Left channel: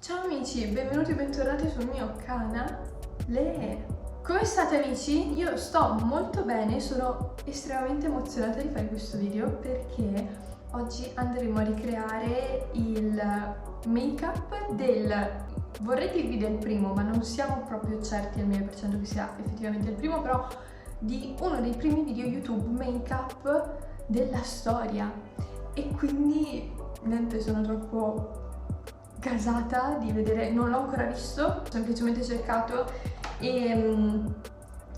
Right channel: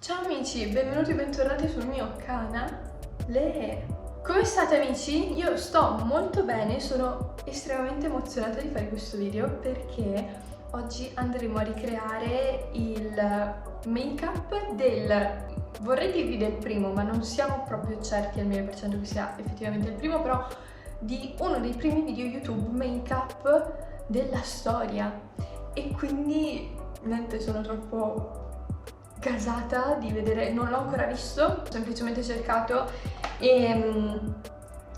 Ciao amici, benvenuti e bentornati sul mio canale. Come state amici? Io sto molto bene, sono estremamente emozionata di fare questo video perché oggi andremo a ricreare il make-up vorrei dirvi del primo, ma non siamo proprio certi al 1000% che sia effettivamente il primo, però di uno dei primi video YouTube make-up della storia. E quindi, niente, sono troppo gasata di vedere, non l'ho ancora visto, ho semplicemente cercato e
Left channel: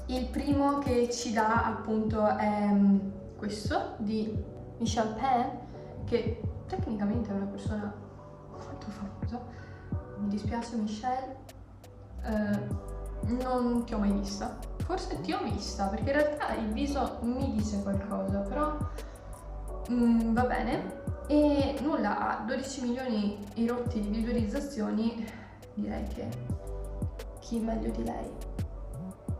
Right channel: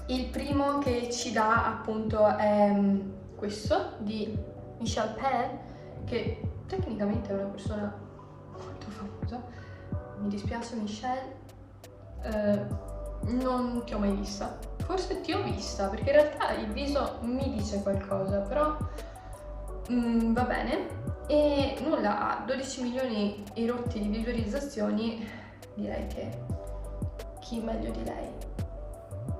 il primo che ci dà appunto è questo di Michelle Pan, che tecnicamente è una persona molto famosa. Mi dispiace Michelle, non ti ho mai vista, forse ti ho vista perché in realtà il viso mi dice qualcosa, però va bene. E nulla, ha 12 milioni e rotti di visualizzazioni, direi che chi meglio di lei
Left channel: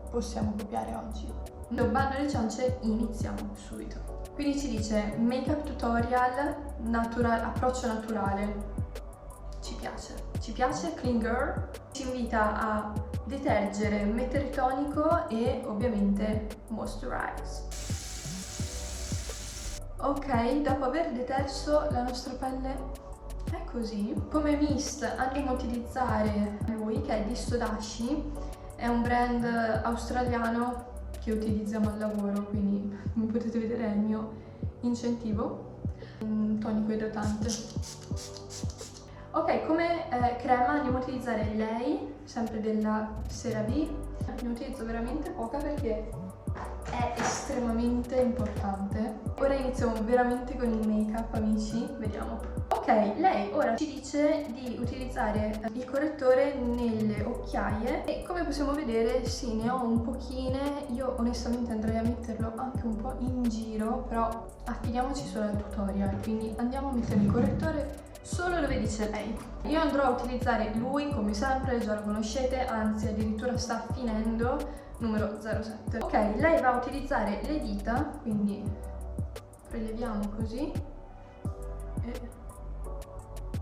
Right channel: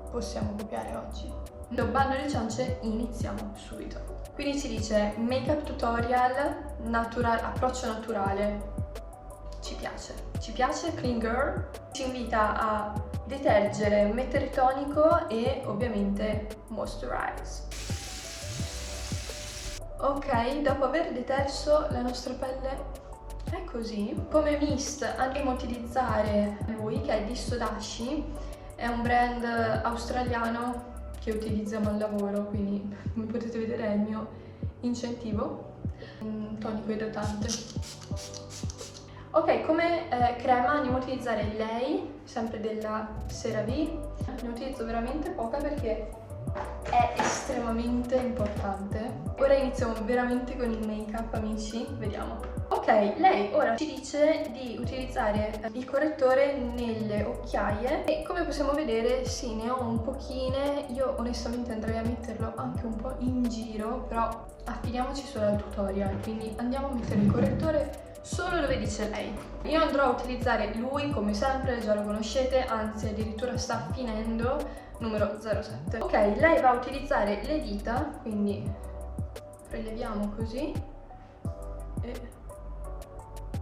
possiamo copiare oggi. Bando le ciance, iniziamo subito. Quindi ci dice make-up tutorial, approccio naturale. Ci piace, clean girl. Ci invita a detergere, mettere tonico e ovviamente moisturize. Ok, dopo aver deterso la nostra pelle è così. Come mist andremo a utilizzare lui, che è di Sodashi, è un brand australiano che utilizziamo al lavoro, quindi come potete vedere è il mio incentivo. Un tonico idratante. Ok, come crema andiamo a utilizzare lei, sempre della CeraVe. Ne utilizzo veramente poca perché è estremamente importante. Ora iniziamo veramente con il make up amici, vediamo. Ok, lei ora ci dice di utilizzare il correttore nelle occhiaie e come possiamo vedere sì, ne ho un pochine. Io onestamente andrei a metterlo anche un po' in giro, però affidiamoci solo al tutorial, quindi andiamo a mettere il correttore solo dove dice lei. Io andrò a utilizzare lui come sempre, già lo conoscete, anzi addirittura sta finendo, numero 07. Ok, lei va a utilizzare le dita, quindi preleviamo così e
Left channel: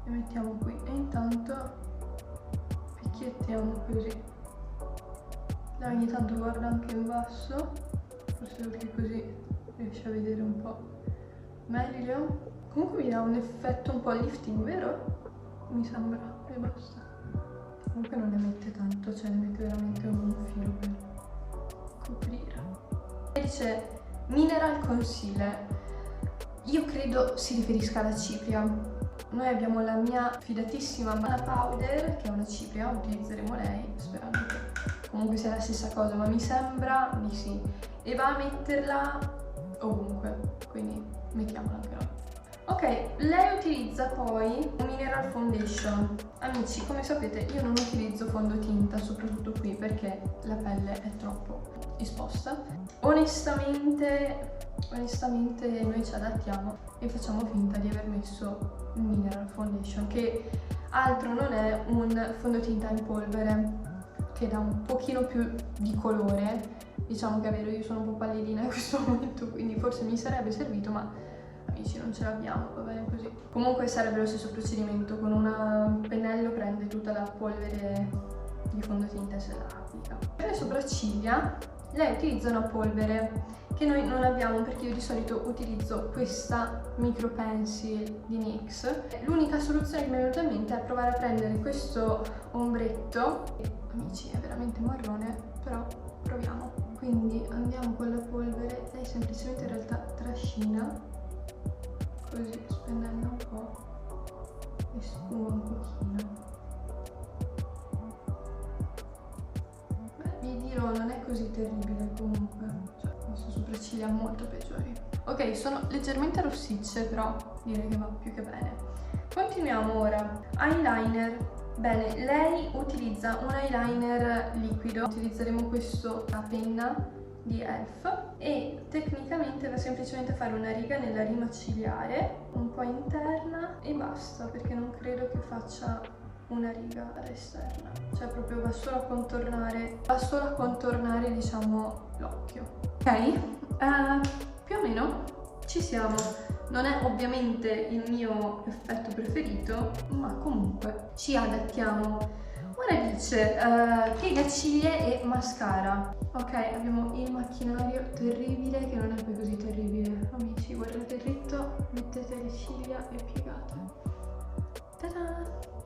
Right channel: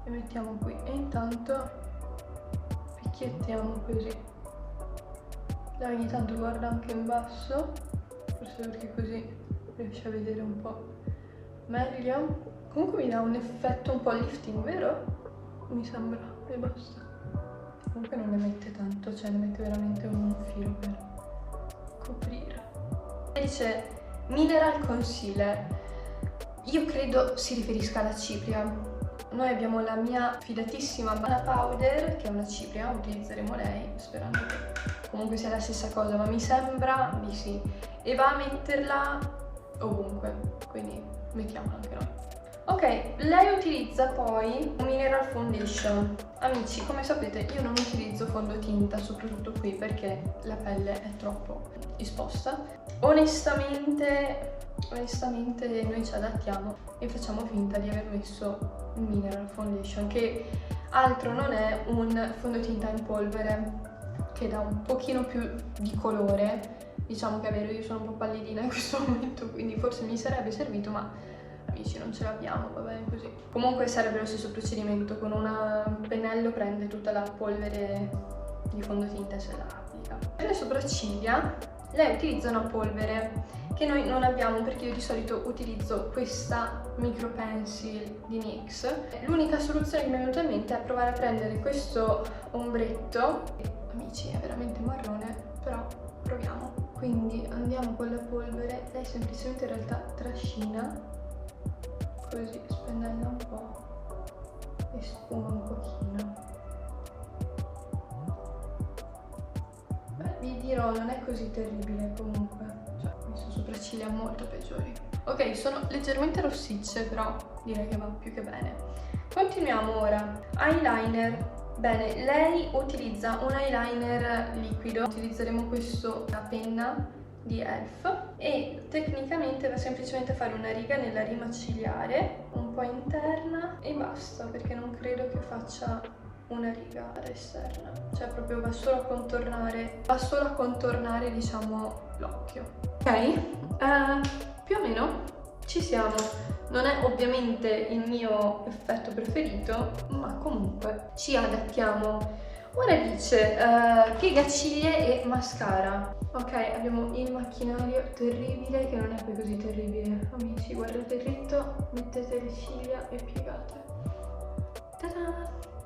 le mettiamo qui e intanto picchiettiamo così. Lei ogni tanto guarda anche in basso, forse perché così riesce a vedere un po' meglio. Comunque mi dà un effetto un po' lifting, vero? Mi sembra, e basta. Comunque non ne mette tanto, cioè ne mette veramente un filo per coprire. Dice Mineral Concealer. Io credo si riferisca alla cipria. Noi abbiamo la mia fidatissima Mana Powder, che è una cipria, utilizzeremo lei, sperando che comunque sia la stessa cosa, ma mi sembra di sì. E va a metterla ovunque, quindi mettiamola anche noi. Ok, lei utilizza poi un Mineral Foundation. Amici, come sapete io non utilizzo fondotinta, soprattutto qui perché la pelle è troppo esposta. Onestamente noi ci adattiamo e facciamo finta di aver messo il Mineral Foundation, che altro non è un fondotinta in polvere che dà un pochino più di colore. Diciamo che è vero, io sono un po' pallidina in questo momento, quindi forse mi sarebbe servito, ma amici non ce l'abbiamo, va bene così. Comunque sarebbe lo stesso procedimento, con un pennello prende tutta la polvere di fondotinta e se la applica. Per le sopracciglia lei utilizza una polvere che noi non abbiamo perché io di solito utilizzo questa Micro Pencil di NYX. L'unica soluzione che mi è venuta in mente è provare a prendere questo ombretto. Amici è veramente marrone, però proviamo. Quindi andiamo con la polvere, lei semplicemente in realtà trascina così, spennella un po' e sfuma un pochino. Beh, vi dirò, non è così terribile comunque, cioè ho messo sopracciglia molto peggiori. Ok, sono leggermente rossicce, però direi che va più che bene. Continuiamo ora. Eyeliner. Bene, lei utilizza un eyeliner liquido, utilizzeremo questo a penna di Elf e tecnicamente va semplicemente a fare una riga nella rima ciliare, un po' interna e basta, perché non credo che faccia una riga all'esterna, cioè proprio va solo a contornare diciamo l'occhio. Ok, più o meno ci siamo. Non è ovviamente il mio effetto preferito, ma comunque ci adattiamo. Ora dice piegaciglie e mascara. Ok, abbiamo il macchinario terribile che non è poi così terribile. Amici, guardate dritto, mettete le ciglia e piegate. Ta-da!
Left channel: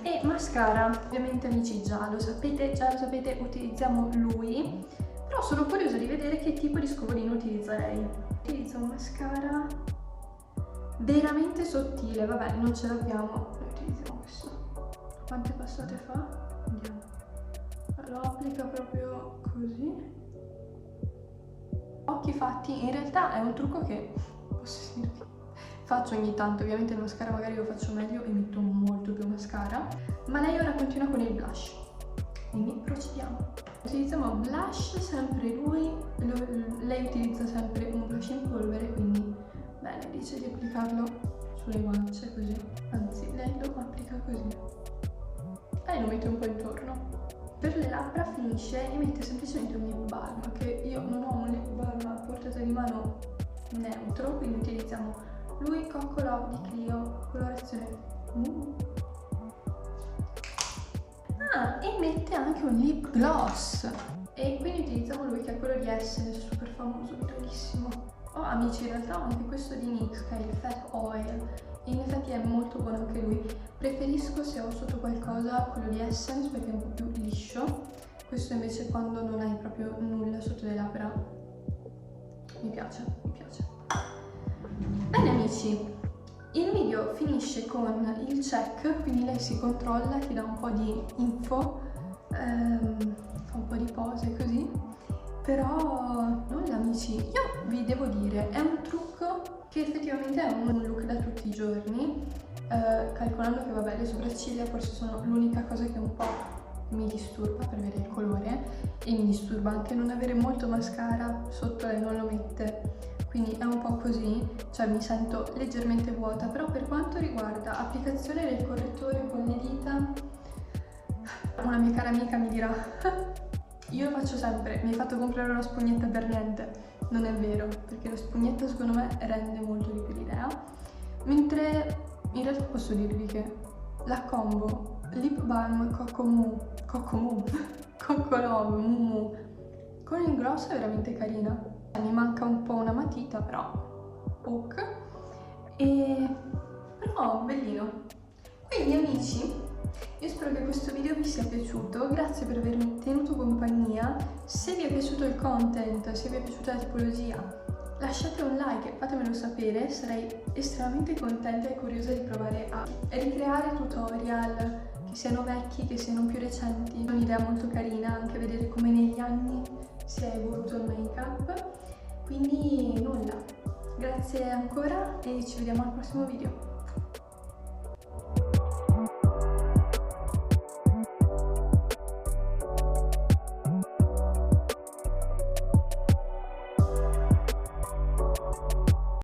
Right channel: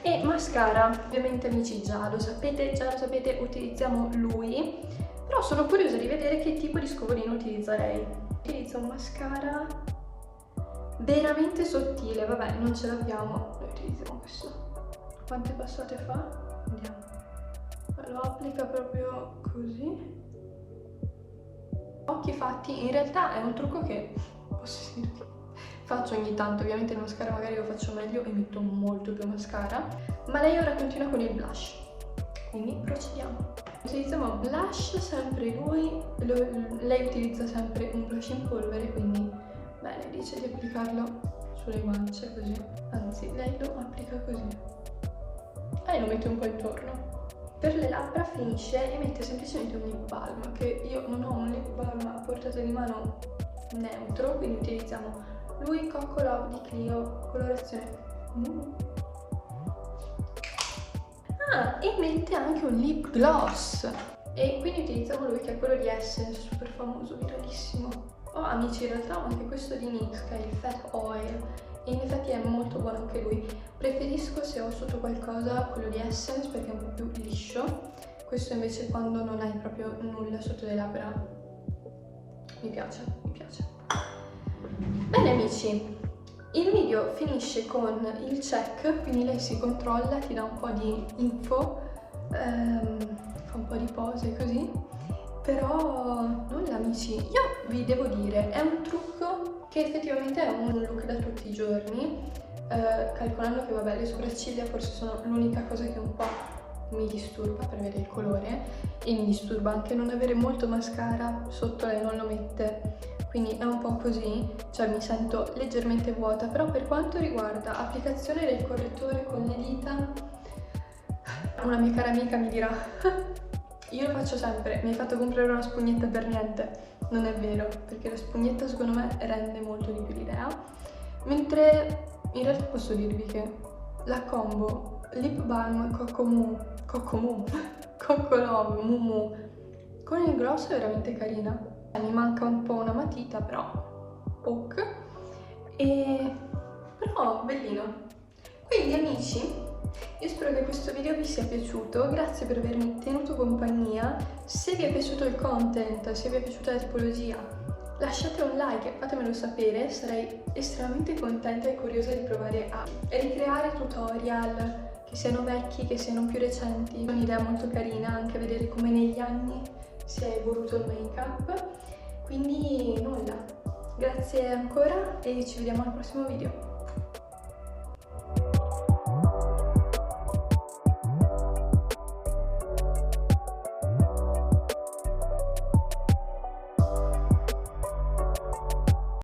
E mascara, ovviamente amici già lo sapete, utilizziamo lui. Però sono curiosa di vedere che tipo di scovolino utilizza lei. Utilizza un mascara veramente sottile, vabbè, non ce l'abbiamo, noi utilizziamo questo. Quante passate fa? Andiamo. Lo applica proprio così. Occhi fatti, in realtà è un trucco che posso dirvi faccio ogni tanto, ovviamente il mascara magari lo faccio meglio e metto molto più mascara, ma lei ora continua con il blush, quindi procediamo. Utilizziamo blush, sempre lui, lei utilizza sempre un blush in polvere, quindi bene, dice di applicarlo sulle guance così, anzi lei lo applica così e lo mette un po' intorno. Per le labbra finisce e mette semplicemente un lip balm, che io non ho un lip balm a portata di mano neutro, quindi utilizziamo lui Coco Love di Clio, colorazione e mette anche un lip gloss, e quindi utilizziamo lui che è quello di Essence, super famoso, viralissimo. Oh amici, in realtà ho anche questo di NYX che è il Fat Oil, e in effetti è molto buono anche lui. Preferisco, se ho sotto qualcosa, quello di Essence perché è un po' più liscio. Questo invece quando non hai proprio nulla sotto le labbra mi piace, mi piace. Bene amici, il video finisce con il check, quindi lei si controlla, ti dà un po' di info, fa un po' di pose così, però nulla amici. Io vi devo dire, è un trucco che effettivamente è un look da tutti i giorni, calcolando che vabbè le sopracciglia forse sono l'unica cosa che un po' mi disturba per avere il colore, e mi disturba anche non avere molto mascara, sotto lei non lo mette, quindi è un po' così, cioè mi sento leggermente vuota. Però per quanto riguarda applicazione del correttore con le dita, una mia cara amica mi dirà io lo faccio sempre, mi hai fatto comprare una spugnetta per niente. Non è vero, perché la spugnetta secondo me rende molto di più l'idea, mentre in realtà posso dirvi che la combo lip balm Coco Love Mumu con il gloss è veramente carina. Mi manca un po' una matita, però ok, però bellino. Quindi amici, io spero che questo video vi sia piaciuto, grazie per avermi tenuto compagnia. Se vi è piaciuto il content, se vi è piaciuta la tipologia, lasciate un like e fatemelo sapere, sarei estremamente contenta e curiosa di provare a ricreare tutorial, che siano vecchi, che siano più recenti. È un'idea molto carina anche vedere come negli anni si è evoluto il make-up. Quindi nulla, grazie ancora e ci vediamo al prossimo video.